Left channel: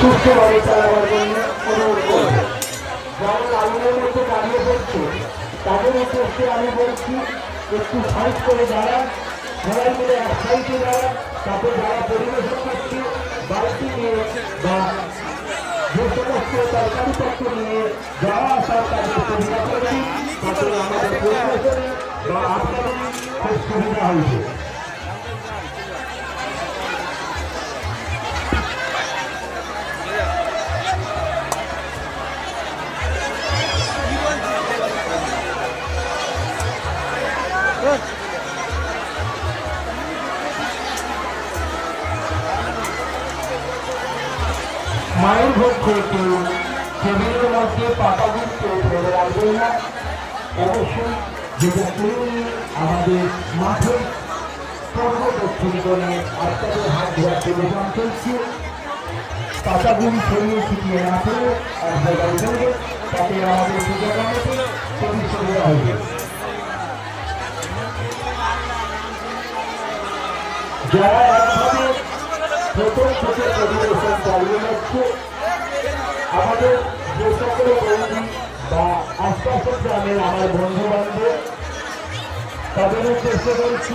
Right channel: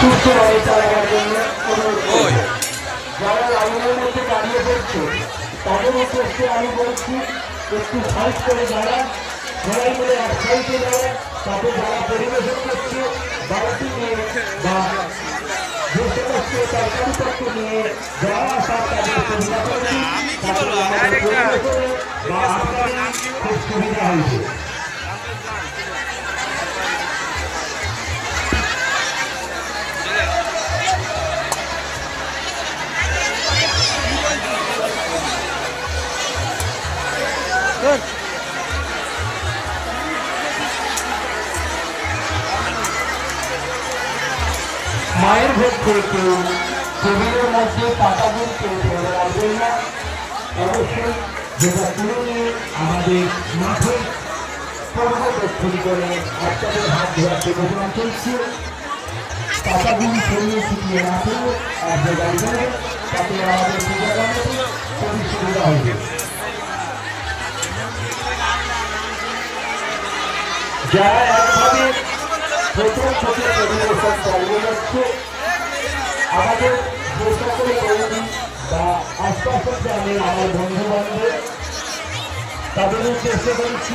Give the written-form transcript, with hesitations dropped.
সুস্থভাবে চালাবার জন্য অনুরোধ করব। যারা লাইনের মধ্যে দাঁড়িয়ে পড়ছে তাদের উদ্দেশ্যে আমি বলছি একটু সাইড করে দাঁড়ান, সবাই মিলে এক সাইডে দাঁড়ান, তাতে যারা পরিবেশন করছে বাড়তি নিয়ে বা যে সমস্ত তরকারিপত্র নিয়ে যারা আসার তাদের সুবিধা করছি তাতে আমাদের পরিবেশনে বা আপনাদের খুব সুবিধা হয়েছে। মায়ের ভোগ করে কেউ টেবিলের মধ্যে পাতাগুলো কেউ ফেলে রাখবেন না। অবশ্যই যেটা তুমি আমাদের মাঠে পূর্ব দক্ষিণ করে আপনাদের হাত ধরাতে প্রদান করছি। পাতাগুলি ছড়িয়ে ছিটিয়ে না করে এক জায়গায় দেবে, তাতে আমাদের পূজা কমিটি খুবই সুবিধা হবে। যারা একভাবে প্রথম থেকে পরিবেশন চালিয়ে যাচ্ছে আমাদের যে সকল বন্ধু বা আশপাশের গ্রামের আমার বন্ধু বান্ধব তাদের চেষ্টা করছি